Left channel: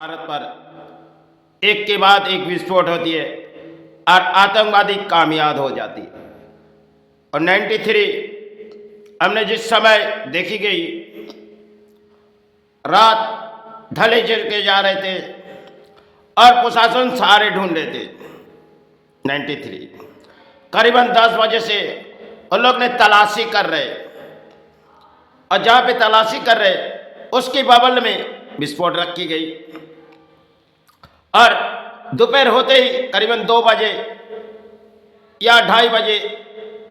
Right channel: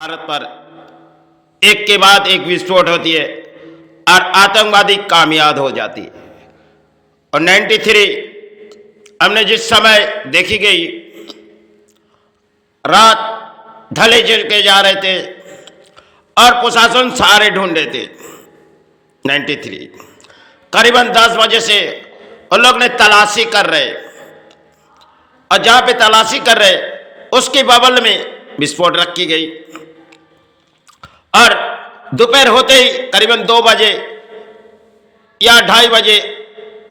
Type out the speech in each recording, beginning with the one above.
भारत पर एक के बाद एक विस्फोट होती है और आतंकवादी कामयाब हो जाती है। और 93 हमने जिस समय देखी गई रात ढले जल के जा रहे थे और प्रशासन सारे ढूंढ रहे थे। 93 करीबन 10 बजे से उन लोग ने तलाशी कर रहे और जहां पे तलाशी कर रहे उसकी बबल में विस्फोट रखी गई और दोपहर होते ही करीबन 2 बजे या 2:30 बजे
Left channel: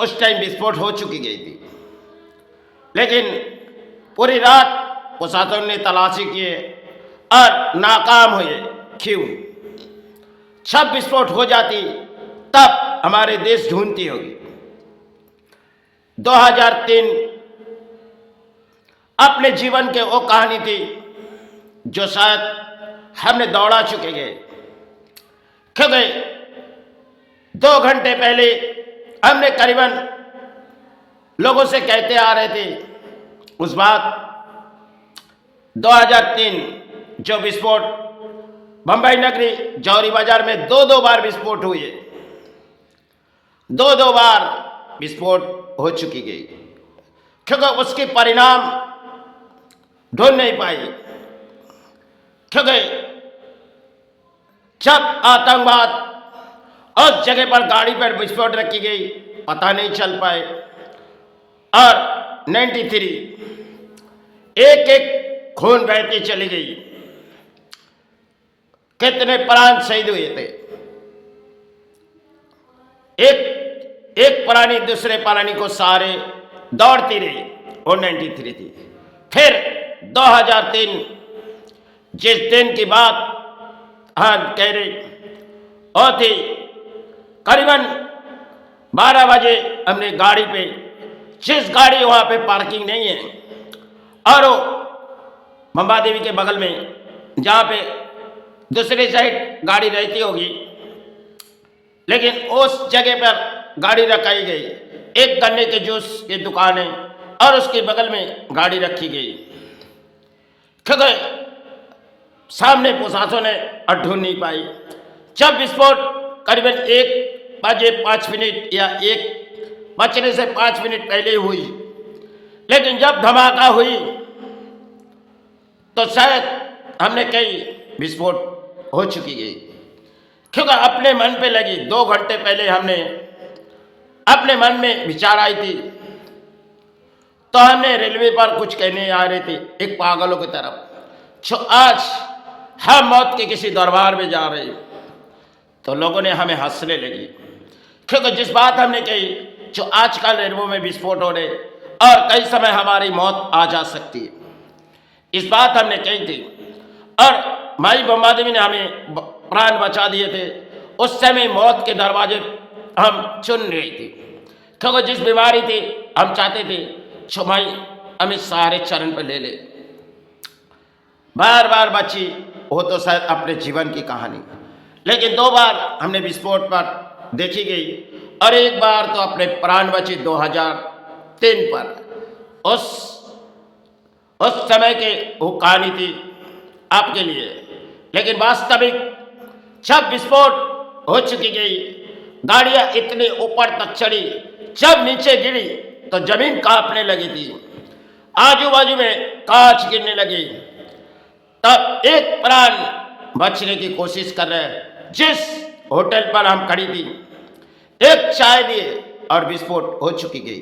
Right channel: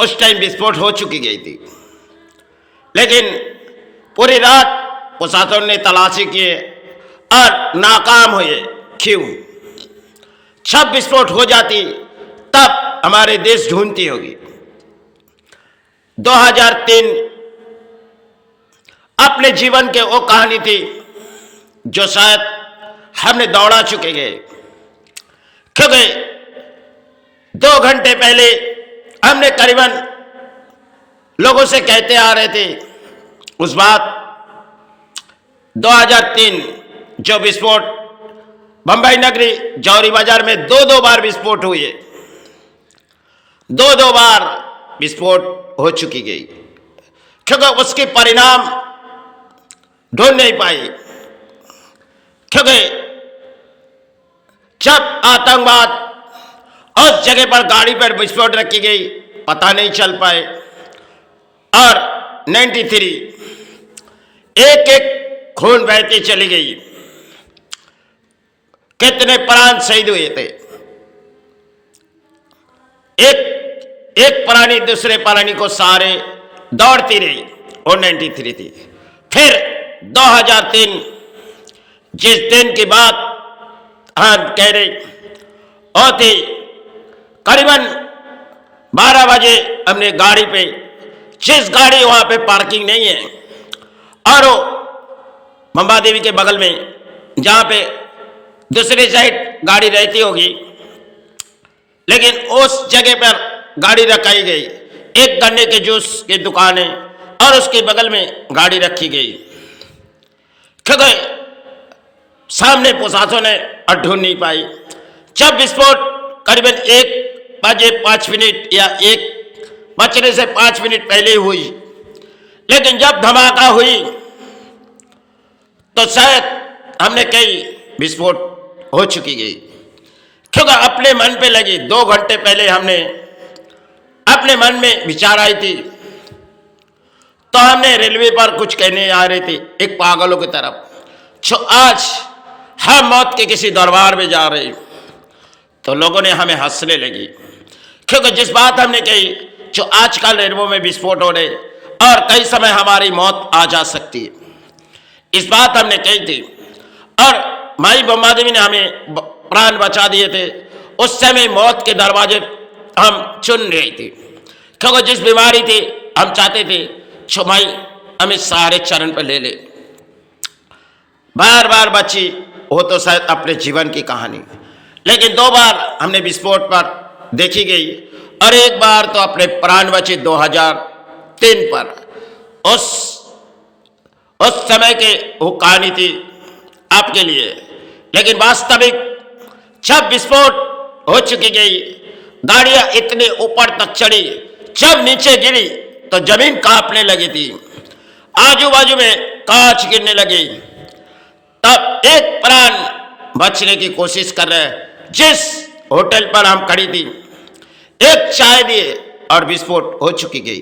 उस टाइम विस्फोट हो चुकी गई थी। लेकिन पूरी रात प्रशासन ने तलाशी किए और नाकाम हुए। क्यों? जब विस्फोट हो जाती तब हमारे देश ढूंढती होगी। 2003 अपने जीवन के वो कहानी थी जो शायद हमने दौड़ा चुके गए, क्योंकि 2 घंटे पहले हमने करीबन लोगों से कहते आ रहे थे उस बात 2003 जो विस्फोट बंबई नगरी जौहरी बाजार में 2 बार विस्फोट हुए, 2 बार विस्फोट हो चुकी गई, क्योंकि उसके परिणाम ढूंढ नहीं पाई। क्योंकि जब आतंकवाद उस जगह पर गाड़ी पर विस्फोट रखी गई पता नहीं चल पाए। और 93 एक एक खून बहती चली गई। कितने प्राण शहीद हुए थे। एक प्राणी दूसरे प्राणी को सारे दौड़ती रही और 93 थी। फिर 2003 जिस दिन की बात हम कह रहे होती करीबन 12 बजे हमने गाड़ी पे, जिस गाड़ी वहां पे पार्किंग नहीं है और वो मंबा देवी के बगल में जहां पे दूसरी साइड गाड़ी रहती होगी, लेकिन उस जगह पर गाड़ी रखाई गई। एक गन्ने के जूस की दुकान है और उसके बगल में गाड़ी रखी गई, क्योंकि सामने प्रशासन ने ढूंढ नहीं पाई। जब विस्फोट करीबन 1:05 या 1 बजने से 5 मिनट पहले हुई, लेकिन जब धमाका हुई तो शायद हमने कही विस्फोट हो चुकी गई, क्योंकि अपने मन पे लगी। 2 घंटे पहले हमने अपने मन में विचार आई थी तो हमने रेलवे पर कुछ कहने आ रहे थे एक पागलों की तरफ, जो आज हम मौत के किसी दरबार में जा रहे, तो लोगों ने हमें हंसने लगी। क्योंकि जिस बात हमने कही जो आजकल रेलवे में विस्फोट हो रहे और कई समय हमारी मौत आ जा सकती है, इस बात हमने कही थी। और माई बम्बा देवी ने हमें प्राण बचा दिए थे। उस समय मौत के दरवाजे हम चुन रहे थे, क्योंकि जिस बीमारी थी हम चाहते थे जो माई हमें सारे चरण पर ले ले। बार बार बची वो तो शायद अपने जीवन की कहानी, लेकिन 2 बार हमने विस्फोट पर देखी गई और एक बार तो अपने प्राण बचे 2003 पर। उस समय के वो कहानी थी आपके लिए, लेकिन वास्तविक जब विस्फोट हो चुकी गई, गाड़ियां इतने ऊपर तक चढ़ी, जब नीचे गिरी तो जमीन कांपने लगी थी, आजू बाजू में कांच गिरने लगी। तब एक प्राण बचने की कोशिश कर रहे, जिस होटल पर हम खड़ी थी, एक चाय दिए और विस्फोट हो चुकी गई।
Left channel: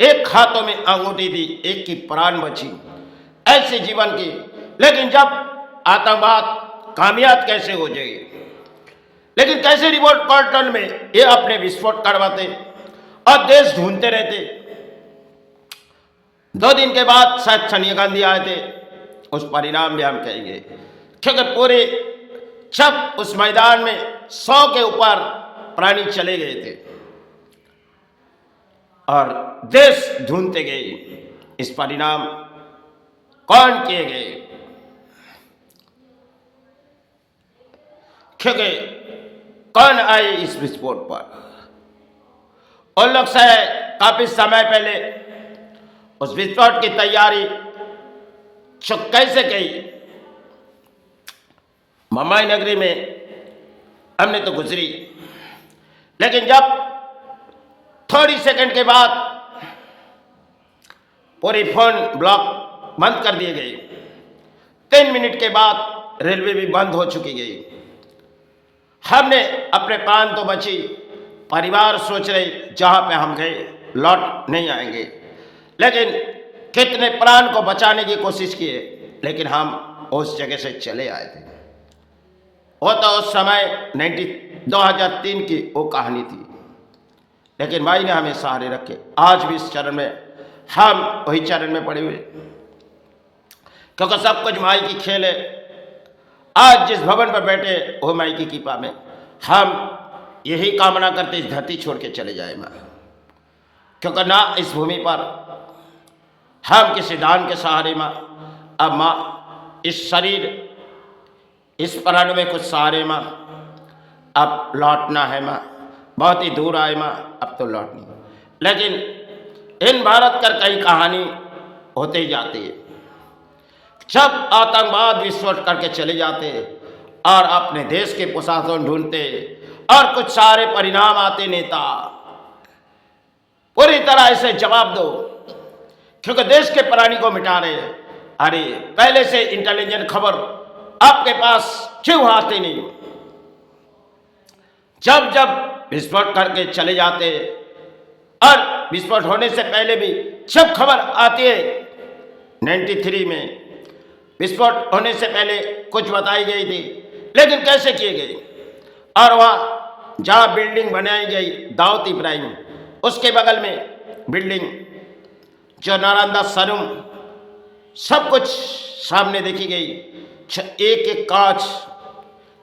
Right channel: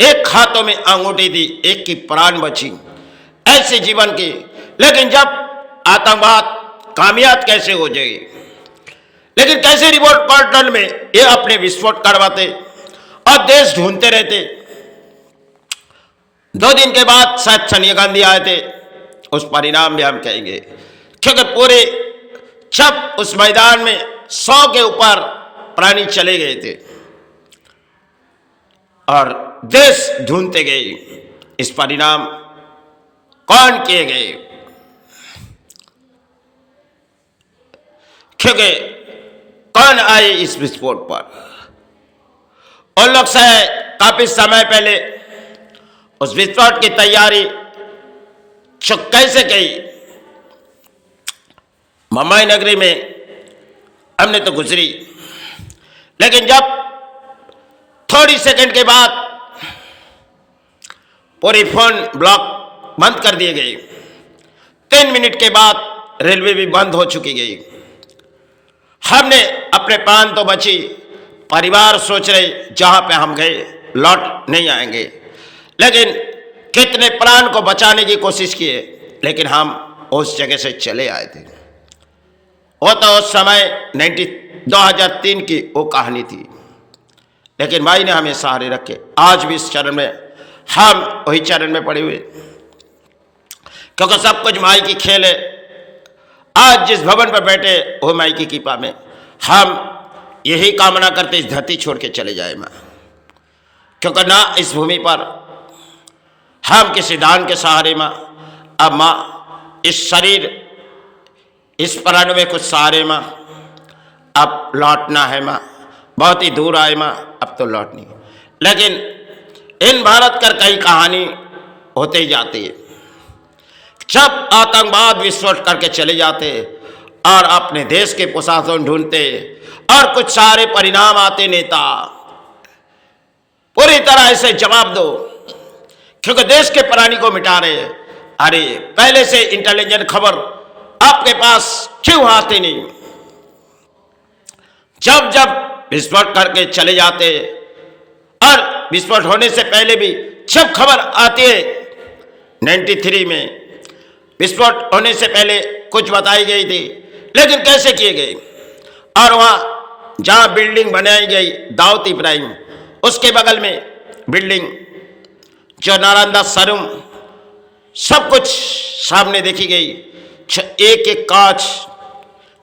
एक हाथों में अंगूठी थी, एक की प्राण बची। ऐसे जीवन की, लेकिन जब आतंकवाद कामयाब कैसे हो जाएगी, लेकिन कैसे रिपोर्ट पोर्टल में ये अपने विस्फोट करवाते और देश ढूंढते रहते। 2 दिन के बाद शायद सोनिया गांधी आए थे, उस परिणाम में हम कहेंगे, क्योंकि पूरे जब उस मैदान में 100 के ऊपर प्राणी चले गए थे और देश ढूंढते गए इस परिणाम कौन किए गए, क्योंकि कौन आए इस विस्फोट पर। उन लोग से काफी समय पहले उस विस्फोट की तैयारी जो कैसे की मुंबई नगरी में हमने तो गुजरी, लेकिन जब थोड़ी सेकंड के बाद पूरी फोन ब्लॉक बंद कर दिए गए, 3 मिनट के बाद रेलवे भी बंद हो चुकी गई। हमने अपने प्राण तो बची, परिवार सोच रहे जहां पे हम गए लौट नहीं आएंगे, लेकिन कितने प्राण को बचाने की कोशिश किए, लेकिन हम उस जगह से चले आए थे। वो तो उस समय 2003 की वो कहानी थी, लेकिन भाई ने हमें सहारे रखे। आज भी इस चरण में हम वही चरण में पड़े हुए, क्योंकि सब कुछ माई की खेल है। आज जिस भवन पर बैठे वो माई की कृपा में, हम यही कामना करते इस धरती छोड़ के चले जाए माँ, क्योंकि ना इस भूमि पर हम किसी दान के सहारे माँ, अब माँ इस शरीर इस प्राण में कुछ सहारे माँ, अब लौटना है माँ, बहुत ही दूर आए माँ, अब तो लौटनी। लेकिन इन भारत कर कई कहानी होते ही जाती है। जब आतंकवाद विस्फोट करके चले जाते और अपने देश के प्रशासन ढूंढते और कुछ सारे परिणाम आते, नेता पूरी तरह से जवाब दो, क्योंकि देश के प्राणी को मिटा रहे। अरे पहले से इंटेलिजेंट खबर आपके पास क्यों आती नहीं? जब जब विस्फोट करके चले जाते और विस्फोट होने से पहले भी जब खबर आती है, 93 में विस्फोट होने से पहले कुछ बताई गई थी, लेकिन कैसे किए गए। और वहाँ जहाँ बिल्डिंग बनाई गई दाऊद इब्राहिम, उसके बगल में बिल्डिंग जो नालंदा शोरूम, सब कुछ सामने देखी गई। एक एक कांच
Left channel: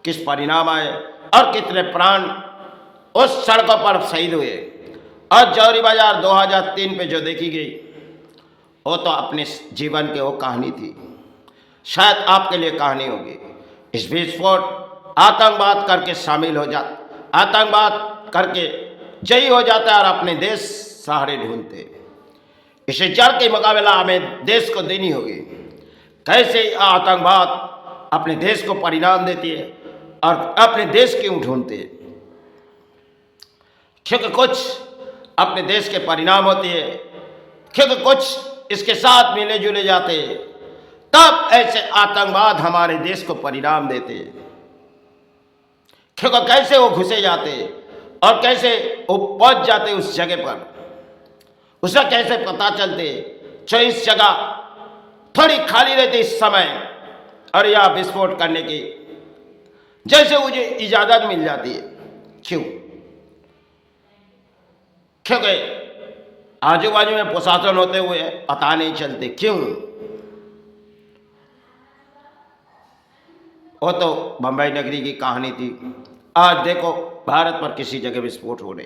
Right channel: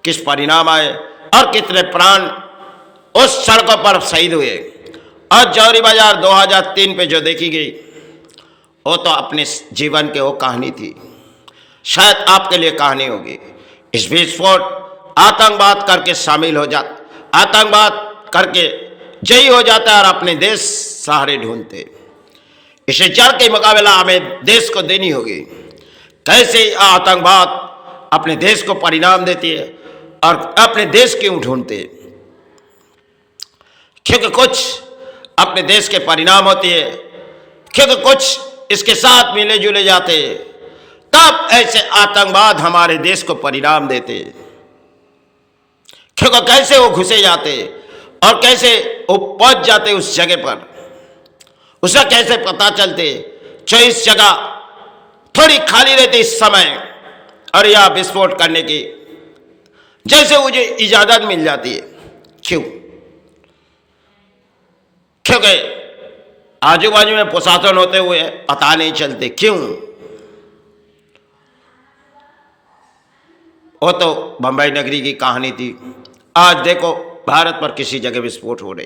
किस परिणाम आए और कितने प्राण उस सड़कों पर शहीद हुए। और जौहरी बाजार 2003 पे जो देखी गई, वो तो अपने जीवन के वो कहानी थी, शायद आपके लिए कहानी होगी। इस विस्फोट आतंकवाद करके शामिल हो जाता, आतंकवाद करके जयी हो जाता है और अपने देश सहारे ढूंढते। इसे जड़ के मुकाबला हमें देश को देनी होगी। कैसे आतंकवाद अपने देश को परिणाम देती है और अपने देश क्यों ढूंढते, क्योंकि कुछ अपने देश के परिणाम होती है, क्योंकि कुछ इसके साथ मिले जुले जाते, तब ऐसे आतंकवाद हमारे देश को परिणाम देते। क्योंकि कैसे वो घुसे जाते और कैसे वो पहुंच जाते उस जगह पर, उसे कैसे पता चलते जो इस जगह थोड़ी खाली रहती इस समय और यह विस्फोट करने की जैसे मुझे इजाजत मिल जाती है। क्यों? क्योंकि आजू बाजू में प्रशासन होते हुए पता नहीं चलते। क्यों? वो तो बंबई नगरी की कहानी थी। आज देखो भारत पर किसी जगह विस्फोट हो रहे,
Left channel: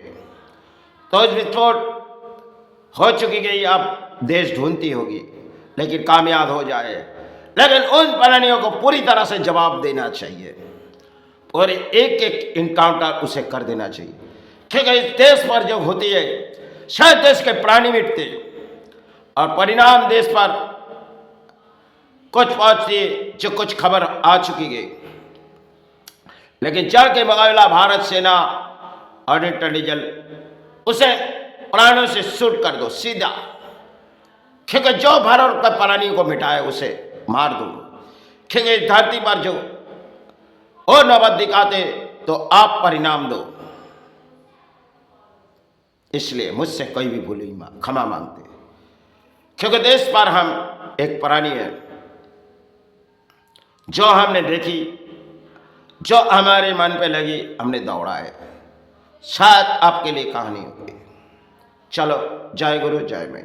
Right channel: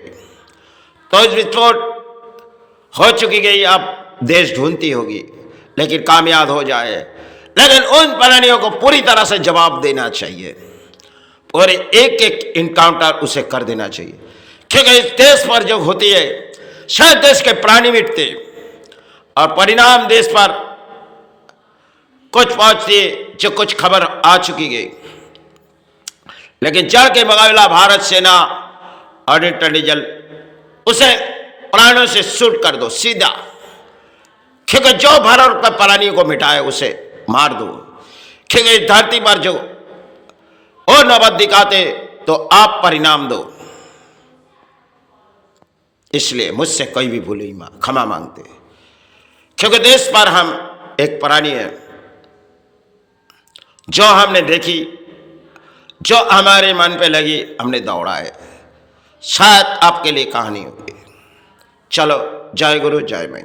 तो इस विस्फोट हो चुकी गई, अब देश ढूंढती होगी, लेकिन कामयाब हो जाए। लेकिन उन प्राणियों को पूरी तरह से जवाब देना चाहिए और एक एक इनकाउंटर उसे कर देना चाहिए, क्योंकि इस देश पर जो होती है शायद देश के प्राणी मिटते और परिणाम देश पर कुछ पहुंचती जो कुछ खबर आ चुकी गई। लेकिन जड़ के मुकाबला भारत सेना और इंटेलिजेंस उसे प्राणों से शूट कर दो सीधा, क्योंकि जो भारत पर प्राणियों को मिटाए उसे मार दो। क्योंकि इस धरती पर जो वो नौबत दिखाते तो आप परिणाम दो। इसलिए मुझसे कोई भी भूल मां क्षमा मांगते, क्योंकि देश पर हम एक प्राणी है जो हमने देखी, जो हमारे मन पे लगी, हमने दौड़ा है। शायद आपके लिए कहानी होगी। चलो, जय गुरु जय मैं।